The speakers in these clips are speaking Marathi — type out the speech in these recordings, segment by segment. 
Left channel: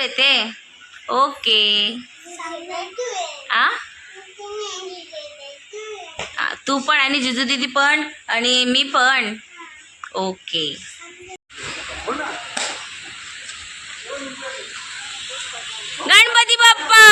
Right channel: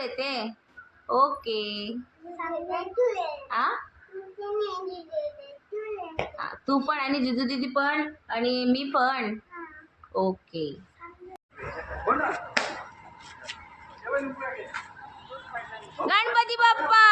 येते. ओके. आ तू पण आणि जिजू दीदी पण आणि मी पण. ओके. गणपती बाप्पा.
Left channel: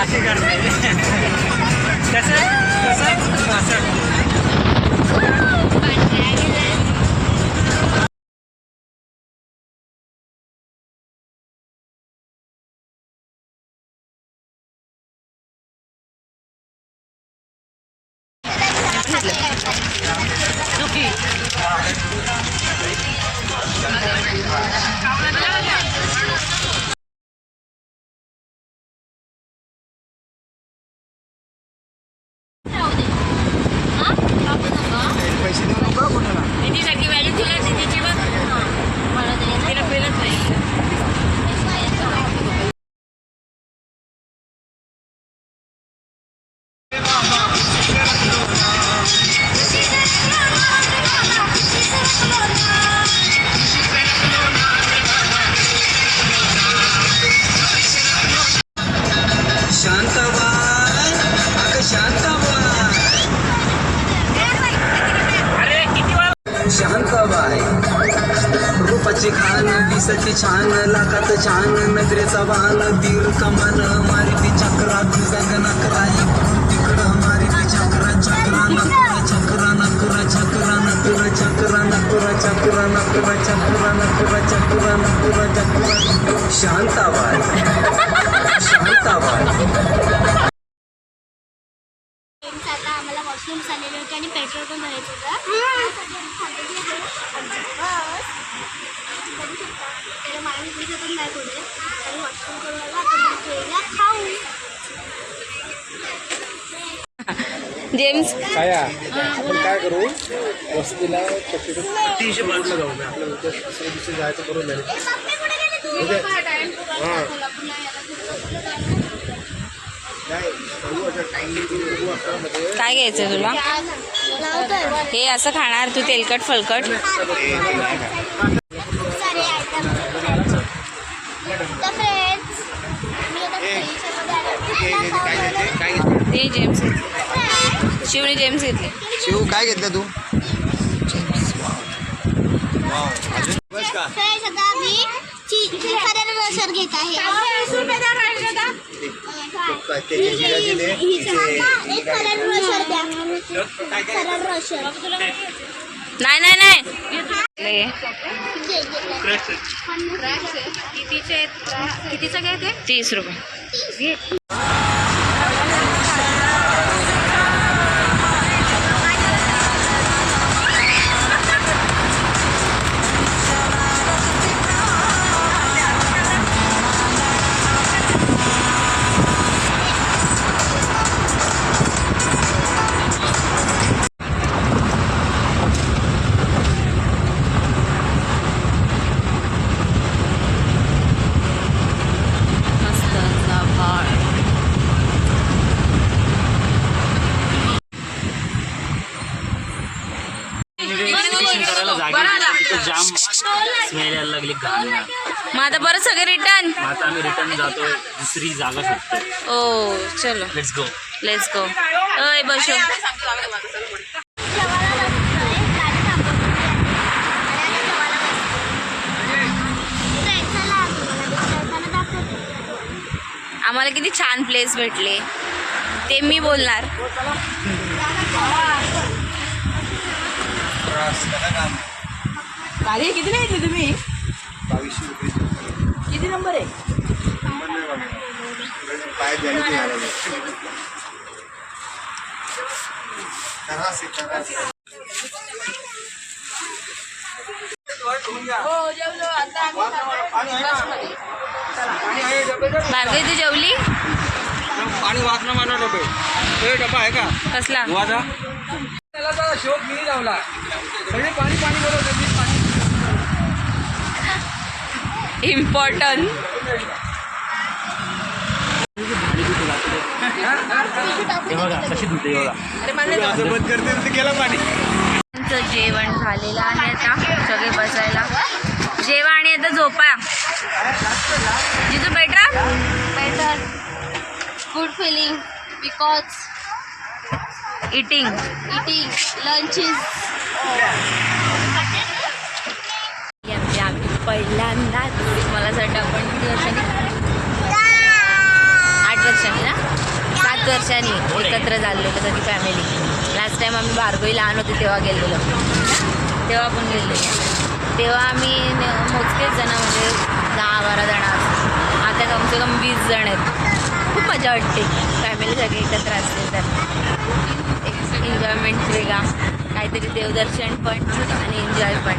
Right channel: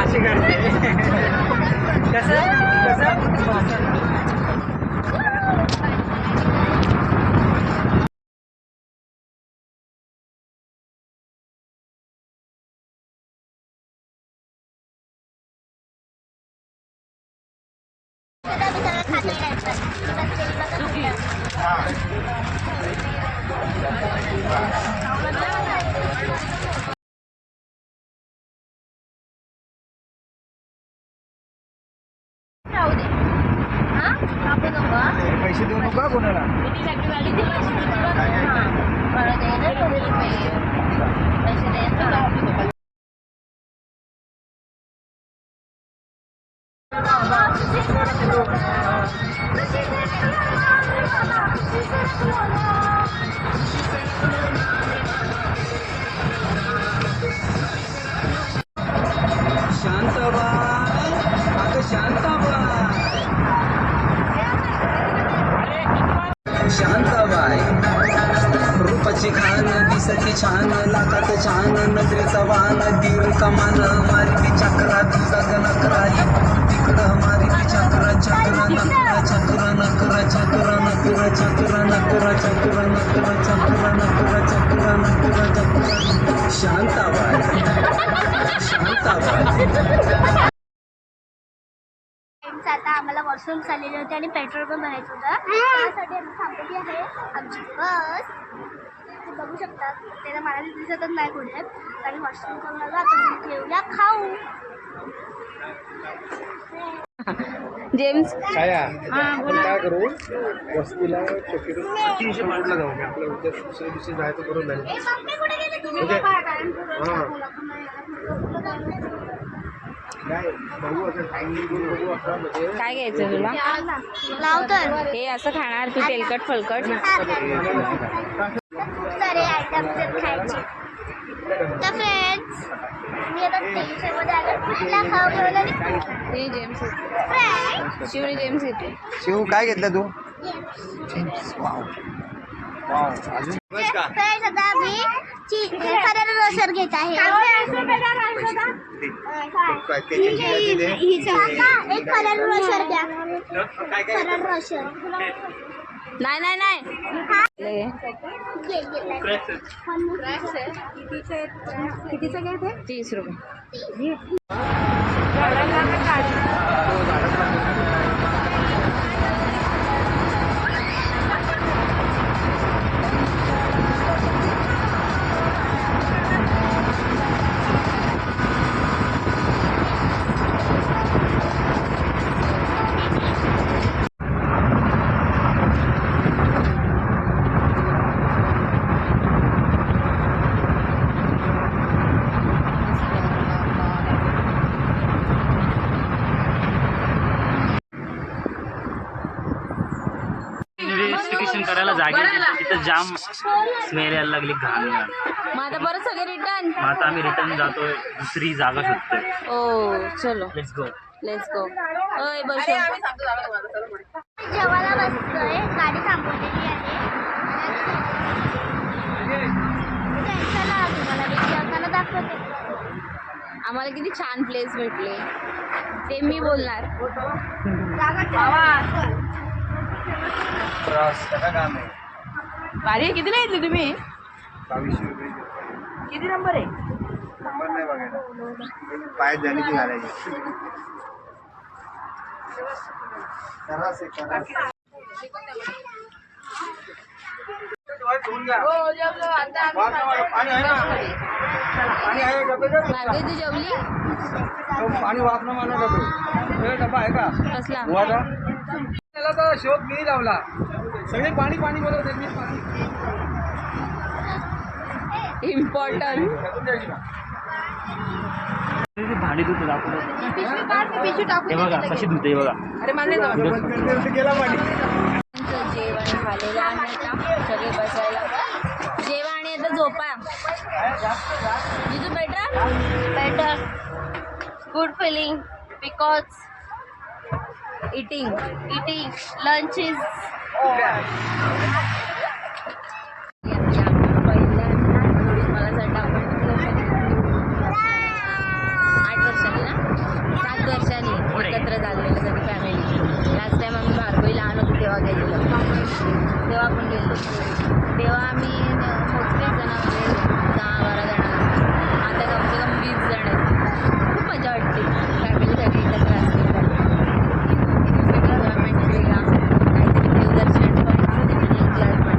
अशी करते पैसे देऊ नका कोणाला. दीदीसाठी व्हॅल्यू दिला दीदीची बघ. मला तिला पेलच नाही. शांताबाई, अगं शांताबाई, शांताबाई, रूपाची खान दिसाची छान, लाखात छान नजरेचा वाहन, दीर कमान मारिती चक्रा तुझा गणकरा तिकडं मारिती चक्रा चक्रा नकरा चक्रा नकरा चक्रा चक्रा नकरा चक्रा नकरा चक्रा नकरा चक्रा नकरा चक्रा चक्रा. शांताबाई, शांताबाई. आता आम्हाला वॉशरूम आलेले होते आणि पेट्रोल पण भरायचं होतं. त्यासाठी आम्ही थांबलेली आहे आमची बस. बघू शकता त्याला मला दिसतच नाही पुढे तरी वॉशरूम करून आलो. आता केला खाऊ. जेम्स आपण काय करू वस्तीला रोडला जाऊ मी आपल्या उद्या दुसऱ्या दिवशी जायचं करून नाही. बघू असं टाइम बघू आता मध्ये काय घ्यायचं तुला? हे असं खाणार तू तेलकट फलकट? खूप सारे आयटम खायचे. तर फ्रेंड्स मी आता टेन्शनमध्ये आले. कुठला खाऊ बनवलं? ते जेम्स घेतले. शिवने जेम्स घेतले. शिव काय घेतलं तू? फ्रेंड्स आता मी फरारी रोशर घेत आहे. एक फरारी रोशर द्या. फरारी रोशर नाही नाही नाही. कितीचं काय ते? 30 रुपये. करायला जागे तिथं जाम स्मेल यायला लागली घाण. मग आता परत सगळे रिटर्न. आता आम्ही रिटर्न जातोय दुसरी जागा शोधतोय. ओ चलो लेट्स गो. Let's go. अय बसो. जेवायला बसतोय. गाडी थांबवते. चला तुम्हाला विचारताना दाखवते. आम्हाला किती छान प्लेस भेटले ते मी बोलणार. गाडी किती नाही घेतली तुम्ही? 2200 रुपये. किती नंबर आहे? नंबर नाही बघायला पायात झाली की घालायची. भार्गवी तू जेवली? पाणी वाचणं माना डबे हे डबा आहे का कसला? वाजा त्याला तर शोध मी लावला सगळी पाणी पाणी करत होती. इम्पॉर्टंट. भाडी धुते दाखवतो. हे बघा कशी धुते बघा. बंद करते ते गेला पाणी. आमचं जेवण झालेलं आहे आता. सगळे बसायला जेवा आणि आता झोपा. जिजू बेटा better good feeling because eating. Eating lunch is पहिल्यांदा मला असं वाटतं आपण किती वर्षांनी 8 वर्षांनी ना 7 वर्षांनी एकत्र झालो होतो सगळी फॅमिली. लास्ट टाइम आम्ही भार्गवी लहान होते तेव्हा गेलेलो. तेव्हा आपण गेलो तेव्हा आम्ही मोजकेच जण म्हणजे 10-12 जण असतो. आता कमसे कम 20 जण आहेत. खूप मजा वाटते फॅमिली सगळी एकत्र असते तर. एक एन्जॉयमेंट वेगळा काहीतरी देवदर्शन पण आणि एन्जॉय पण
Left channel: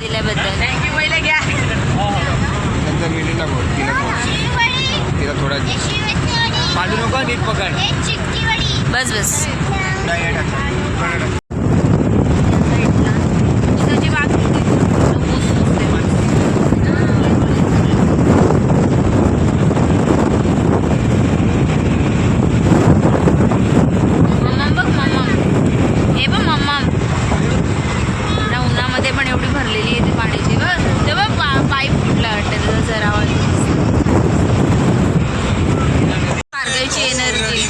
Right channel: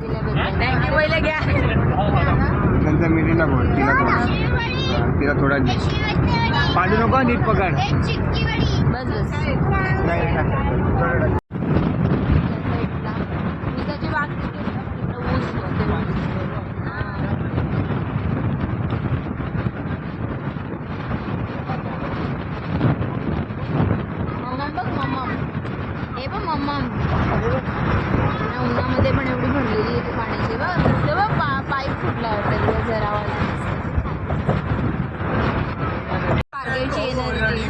दिल्याबद्दल थँक्यू. पहिले घ्या. नंतर मिळेल ना भाऊ. तिला थोडा पाणी नको नीट पकड. बस बस. ऊसाची बाग किती? ऊस नुसते माणसं. मम्मा बघ मम्मा. हे बघ मम्मा ना उन्हामध्ये पण एवढी भरलेली आहे ती पाण्याची. बघ तेव्हा पाईप फुटला वाटतं त्याचा जरा आवाज. भार्गवीची एनर्जी.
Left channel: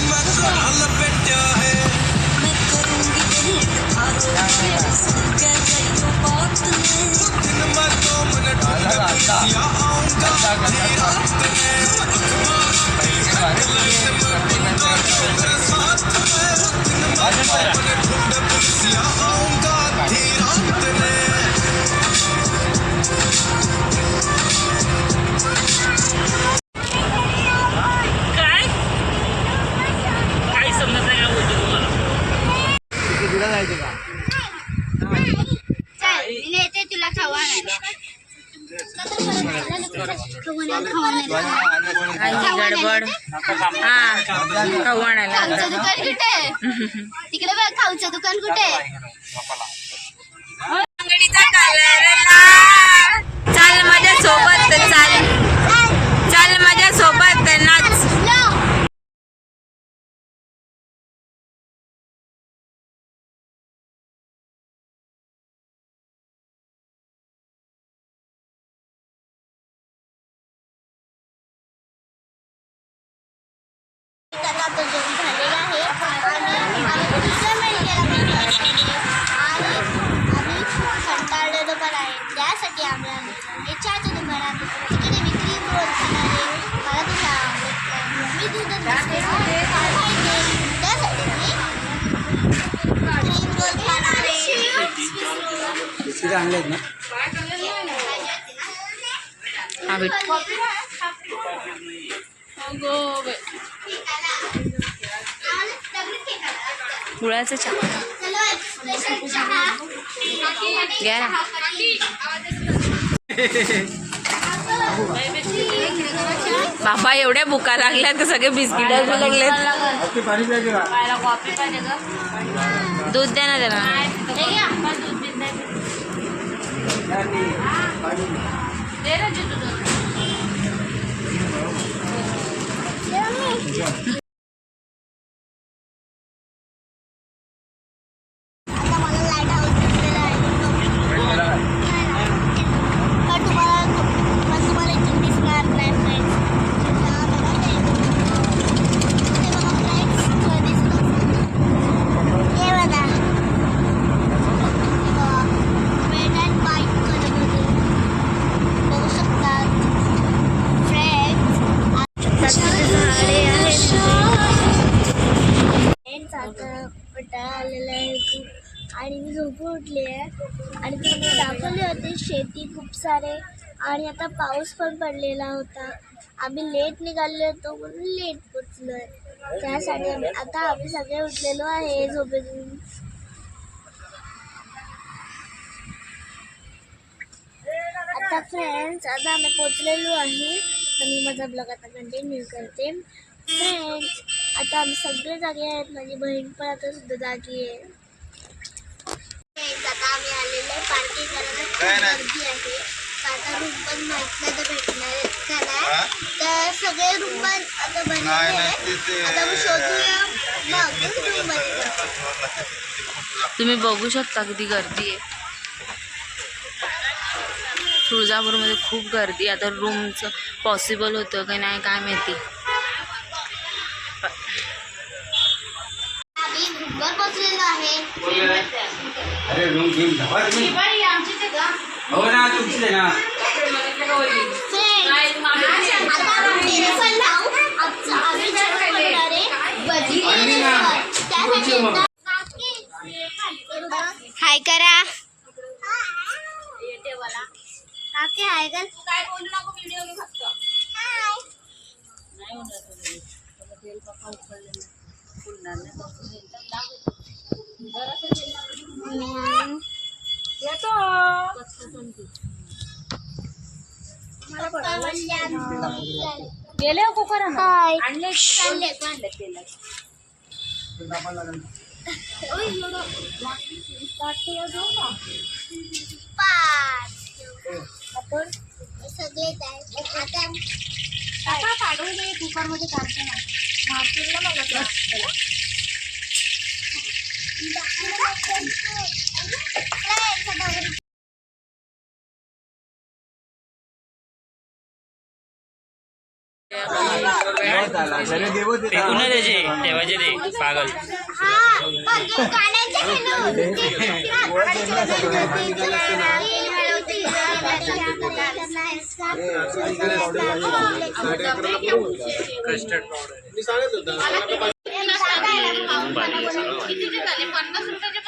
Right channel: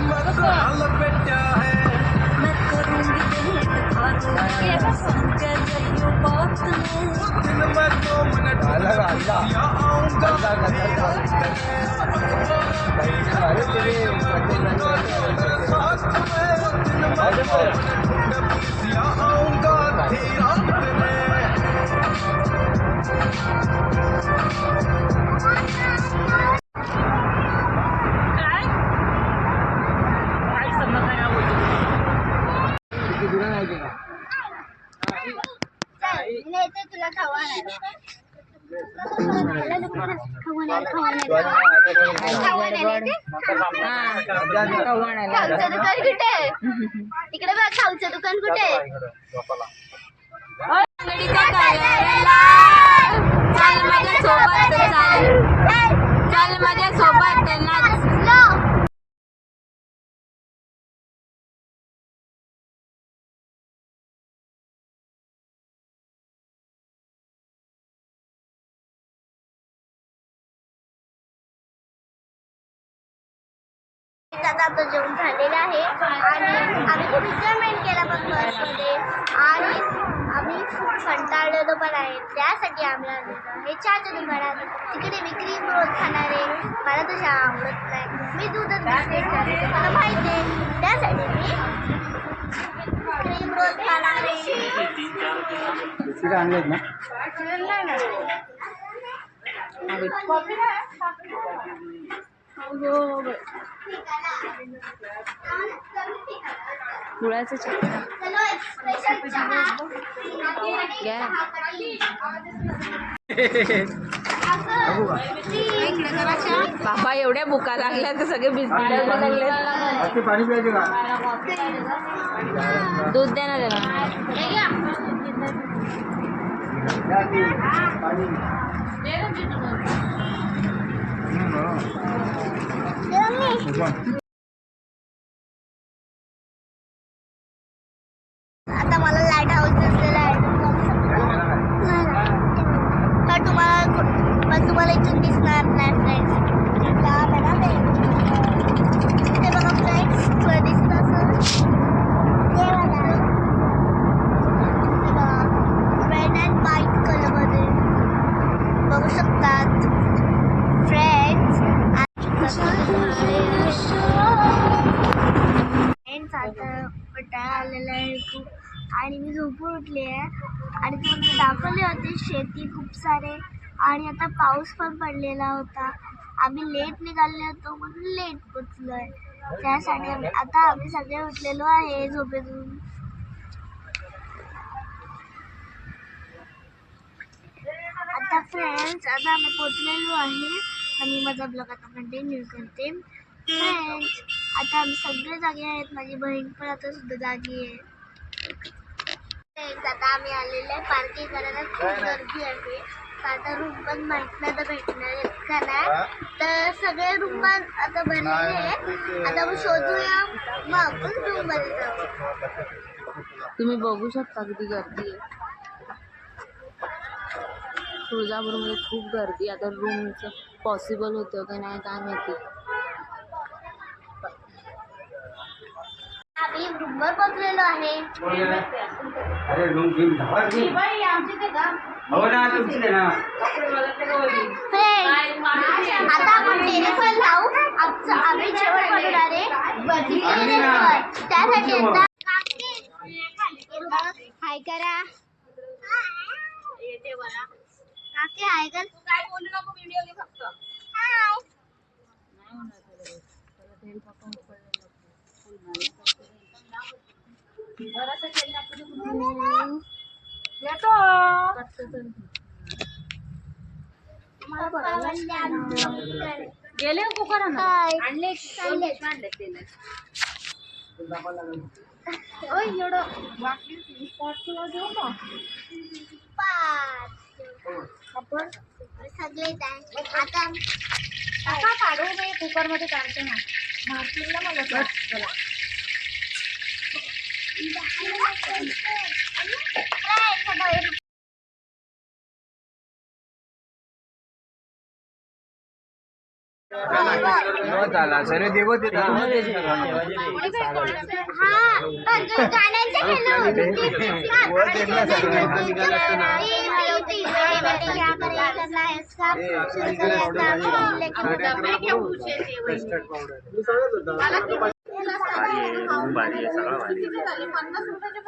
काही समजत नाही काय बोलतो तुम्हाला. तुला जायचं का चल नेते तुला खावा नाही गडबड. हा कव्वाणाला खाऊचं दुकान कुठे आहे? तिकडे बघ खाऊचं दुकान कुठे आहे? अंगडीचा कलर लाल. चाल माझ्या सोबत चाल. चाल माझ्या सोबत नाच. आता तो जेवण झालेला आहे आणि आम्ही खूप एन्जॉयमेंट केला पण बसमध्ये आणि आम्ही खूप कंटाळलेलो पण आहे. त्यासाठी आम्ही आलेलो हे चहाच्या दुकानात. तिकडे मी क्रीम रोल खाणार आहे. मला तो चहा आवडत नाही. मी दूधच बिस्किट खाते मला माहिती आहे. त्यासाठी मी क्रीम रोल खाणार आहे. आणलेत ना गुळाचं चहा घ्या ना. बाबा एवढ्या भुका लागल्यात की सगळे बिस्किट लागलेत. पाणी प्यायचं का दूध द्या ना त्याला. आता मला लाईट हाऊस दिसलेला आहे. तुम्हाला इथून दिसणार नाही फ्रेंड्स. ते बघा फ्रेंड्स थोडं दिसत असेल. हे बघा रेड अँड व्हाईट कलरमध्ये बघू शकतात फ्रेंड्स. आता पटाळा आलेला आहे खूप आणि मी झोपून उठली आहे आणि तुम्ही दाखवले होते शेती खूप सारे आणि आता पाऊस पण पडलेला होता. आम्ही लेट निघाले होतो म्हणून लेट पोचलो आहे. त्यासाठी आम्ही सगळे उठलेलो आहे झोपेतून आता फ्रेंड्स आता आम्ही पोचलेलो आहे आणि माझा ब्लॉग आता कंटिन्यू करते. फ्रेंड्स आता आम्ही सगळे जागे आहेत, माझी बहीण पण आता सुद्धा जागी आहे. फ्रेंड्स आता आम्ही आलेलो आहे पार्टी करायला. खूप गर्दी आहे. आता रूम पण माहीत नाही तर भेटणार आहेत का नाही, तर सगळे रूम पण आता भरलेले आहेत. आता आपण शोधूया मग रूम मध्ये जाऊ. तुम्ही बघू शकता किती गर्दी आहे. तुळजापूरमध्ये खूप गर्दी. आता रूमचं पॉसिबल होतं की नाही काय माहिती. आम्ही रूमवर पोचलेलो आहे. अरे रूम घेऊन हो ना तुमची आहे ना. फ्रेंड्स आता आपण टेरेसवर जाऊ. आम्ही जेवण बनवणार आहे भजी टेरेसवर. त्यासाठी आता हाय करा. काकी हाय कर. काय बोलू नको, व्हिडिओ घे फक्त. गेले कुकर हाय. आणले आपण सगळे आता काढून कुकर मध्ये काढते ना. मारतील ना मला चला. फेकून नाही द्यायचे, ठेवायचे ते पागल.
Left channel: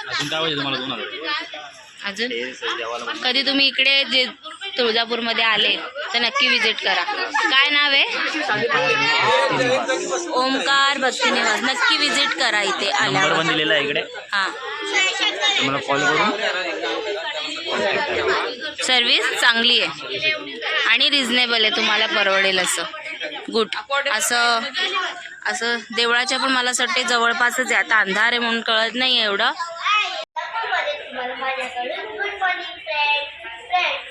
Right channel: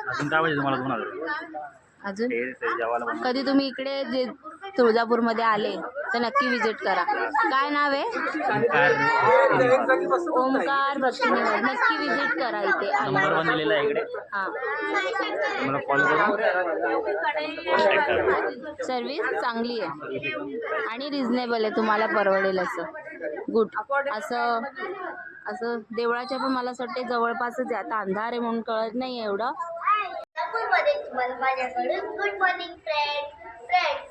अजून काय पाहिजे तुम्हाला? 2000. अजून कधी तुम्ही इकडे जे तुळजापूरमध्ये आले तर नक्की विजिट करा. काय नाव आहे? ओमकार भक्ती निवास. नक्की विजिट करा इथे आल्यावर. बनलेला आहे इकडे. हां, तुम्हाला कॉल करून सर्विस चांगली आहे आणि रिझनेबल आहे. तुम्हाला परवडेल असं. गुड. असं देवळाच्या पण मला असं वाटते जवळपासच आहे. आता अंधार आहे म्हणून कळत नाही एवढं. तुम्हाला माझ्याकडून गुड मॉर्निंग फ्रेंड्स.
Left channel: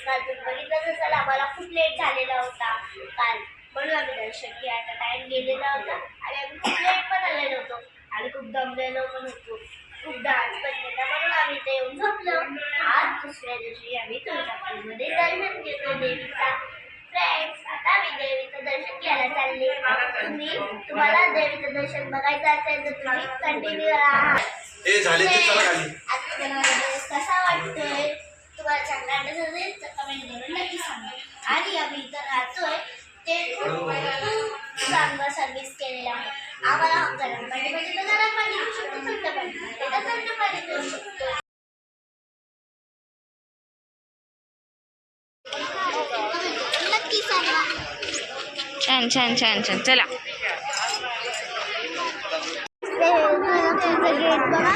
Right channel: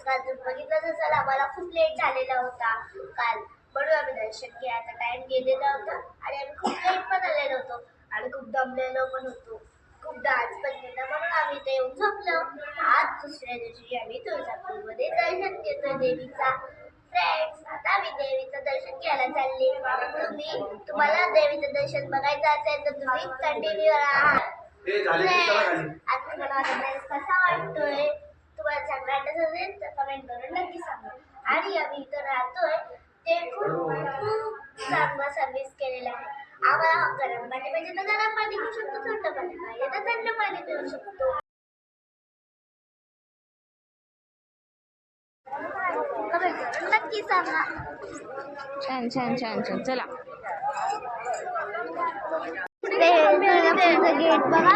काल तुम्ही बघितलं असेल आम्हाला खूप लेट झालेला होता काल, म्हणून आम्ही दर्शन घ्यायचा टाइम गेलेला होता आणि आम्ही खूप लेट पण आलेलो होतो आणि खूप दमलेलो पण होतो. खूप डान्स पण केला म्हणून आम्ही इथे येऊन झोपलो. आज दुसऱ्या दिवशी आम्ही तुळजापूरमध्ये दर्शन घेतो देवीचा. फ्रेंड्स आता आम्ही देवीचं दर्शन घ्यायला चालले. तुम्हाला देवीचं दर्शन बघायचं असेल तर तुम्ही कंटिन्यू राहा. आता तुम्हाला माझा ड्रेस कसा वाटतोय, तुम्हाला चांगला वाटत असेल तर कमेंट करून नक्की सांगा. आणि आम्ही इथं राहतोय ते खूप चांगला सर्व्हिस केलेला आहे. आम्हाला गरम पाणी पाहिजे तर गरम पाणी देऊ शकतो, थंड पाणी पाहिजे तर थंड पाणी देऊ शकतो. नक्की सांगा. छान छान छान छान. चला. गेट बघा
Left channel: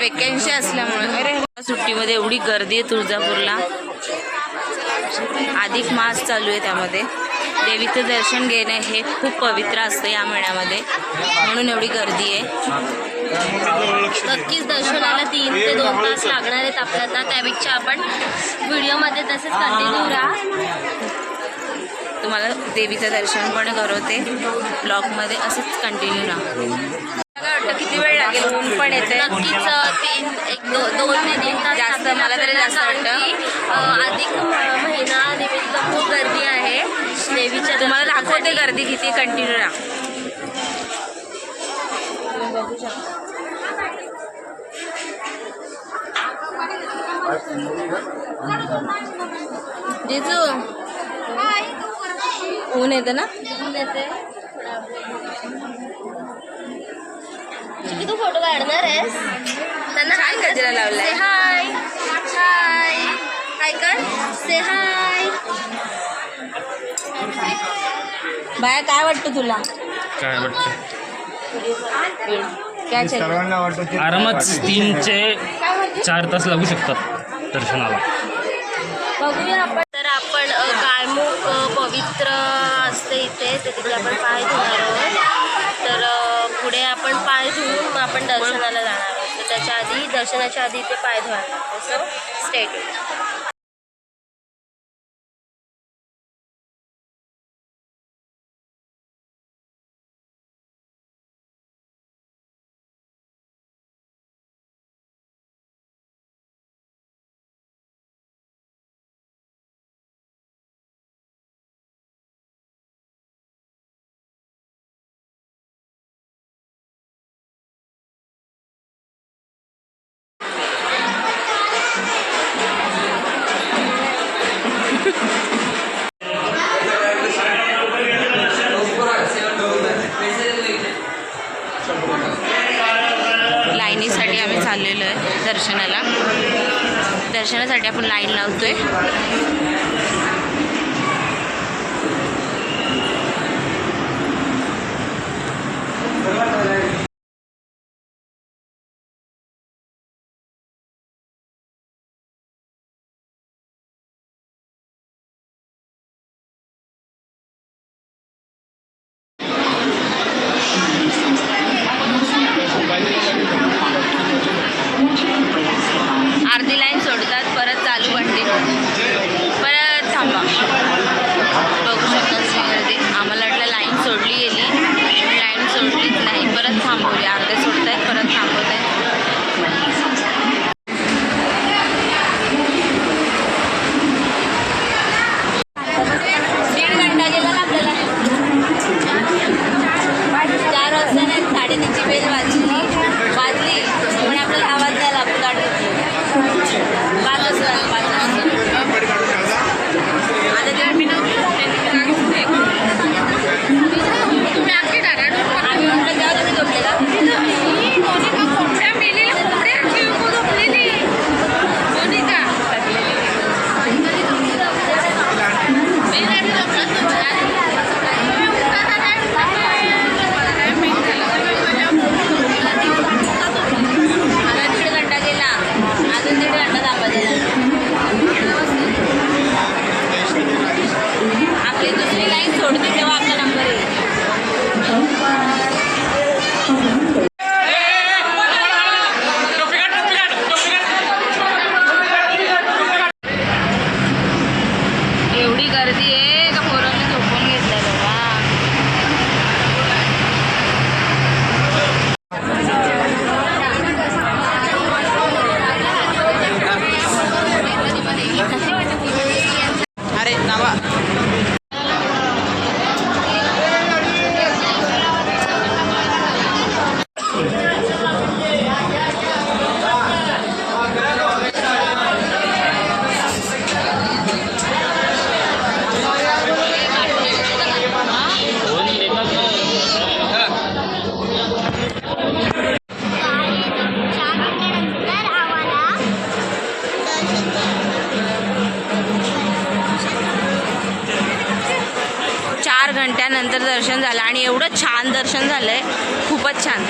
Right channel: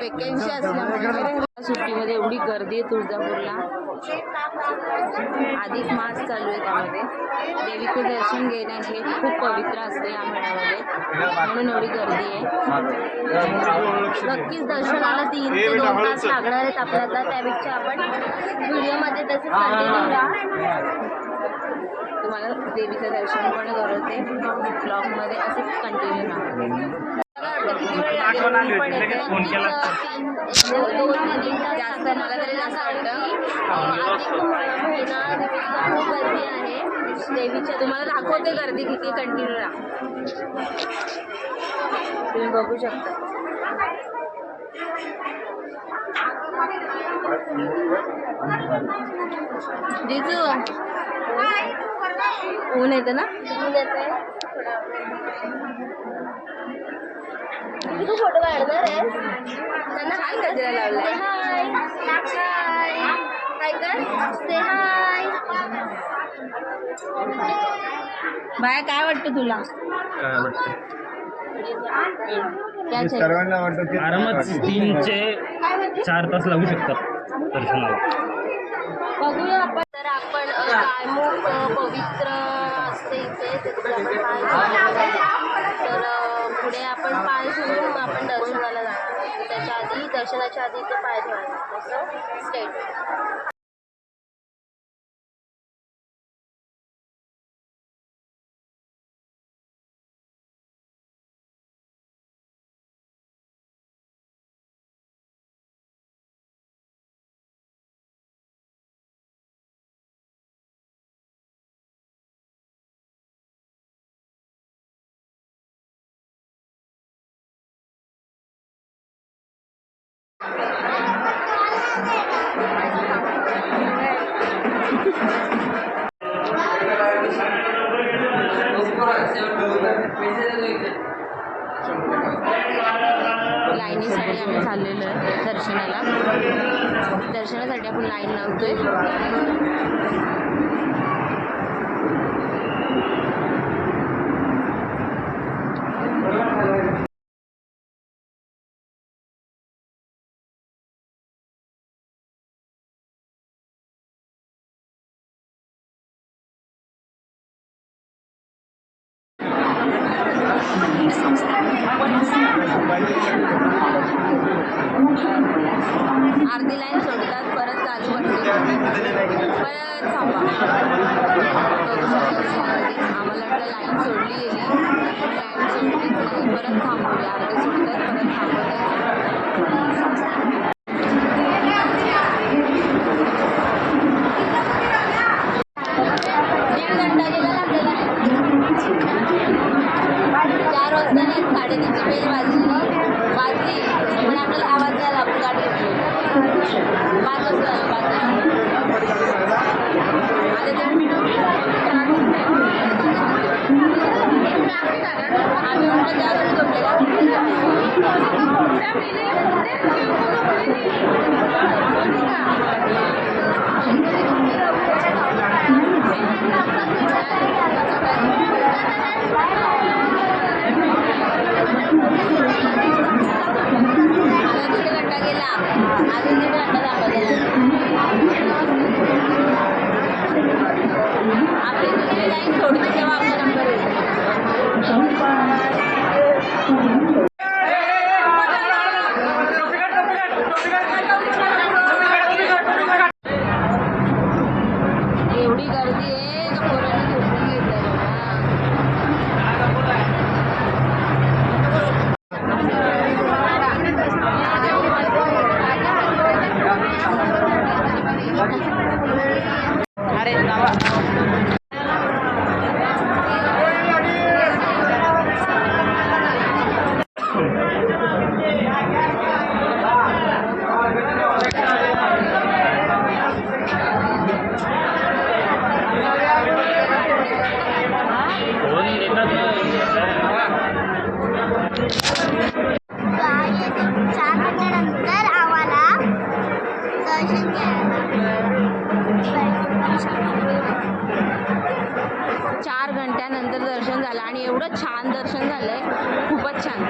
वेकेन्सी असल्यामुळे सुट्टीमध्ये एवढी गर्दी आहे तुळजापूरला. अधिक मास चालू आहे, त्यामध्ये देवीचं दर्शन घेणे हे खूप पवित्र असतं या महिन्यामध्ये, म्हणून एवढी गर्दी आहे. नक्कीच दर्शनाला 3 ते 2 तास लागणार आहेत आपल्याला. त्यापेक्षा आपण व्हिडिओमध्ये तसेच कंटिन्यू राहा. तुम्हाला देवीचं दर्शन पण करवते ब्लॉगमध्ये, असंच कंटिन्यू राहा. किती वेळ लागेल? पण येते नक्कीच 2 ते 3 तास जास्त. मला तरी जास्त वाटतं. अधिक महिना निमित्त खूप गर्दी आहे देवीच्या. तुम्हाला दाखवते गर्दी किती. कंटिन्यू राहा. तुम्ही बघू शकता. जिजू ऊन येतं ना. ऊन येते थोडा. तू फोटो काढणार आहेस त्यांना हाय गजरा लावलाय. से हाय हाय हाय कर से हाय. बाया काय वाटतं तुला? काय वाटतं? काय चाहिए? सर्वांना वाटतं की आरामात 3 ते 4 तास लागू शकतात दर्शनाला. बघूया आपण. तर आपण काळमुख पवित्र असते इथे तर तिथे आपण पाय धुणार आहोत. तर पुढे आपण पाय धुवून आपण दर्शनाला जाणार आहोत. तर त्याच्या आधी दर्शनाच्या आधी इथे पाय धुवायला लागतो. असं स्टेट. लाईनीसाठी आम्ही चाललेलो आहे दर्शनाला. दर्शनासाठी आपण लाईन लावतोय. अर्धी लाईन सोडतात परत चालू कंटिन्यू परत थांबा. बघू शकता तुम्ही गर्दी. आम्हाला वाटलं लाईन सोडली गेली, लाईन सोडलीच नाही. परत थांबवली. अर्धे सोडत आहेत परत थांबवत आहेत. दीड घंटा गेला ना आपल्याला. 4 वाजता नाही 3:30ची बेल वाजली पण आपल्याला आवाज नाही आला. आपण गाठ घेतली 5 वाजता. आम्ही म्हटलं तेव्हा तुम्ही झोपलेला. आपली दुसरी लाईन सोडतो तेव्हा आपला नंबर येईल. एवढी गर्दी आहे का पोरांनी झोपून घेतलं बाबा. अरे नावा 4 घंट्यानंतर दर्शन झालं आणि एवढं छान दर्शन झालंय. खूपच छान.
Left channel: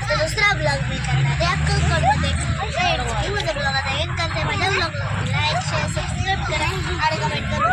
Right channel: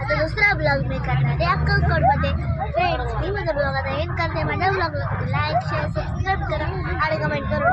आता दुसरा ब्लॉग मी करणार आहे अक्कलकोटमध्ये. फ्रेंड्स मी माझ्या ब्लॉगला एंड करते. माझ्या ब्लॉगला लाईक शेअर सबस्क्राईब करा आणि कमेंट करा.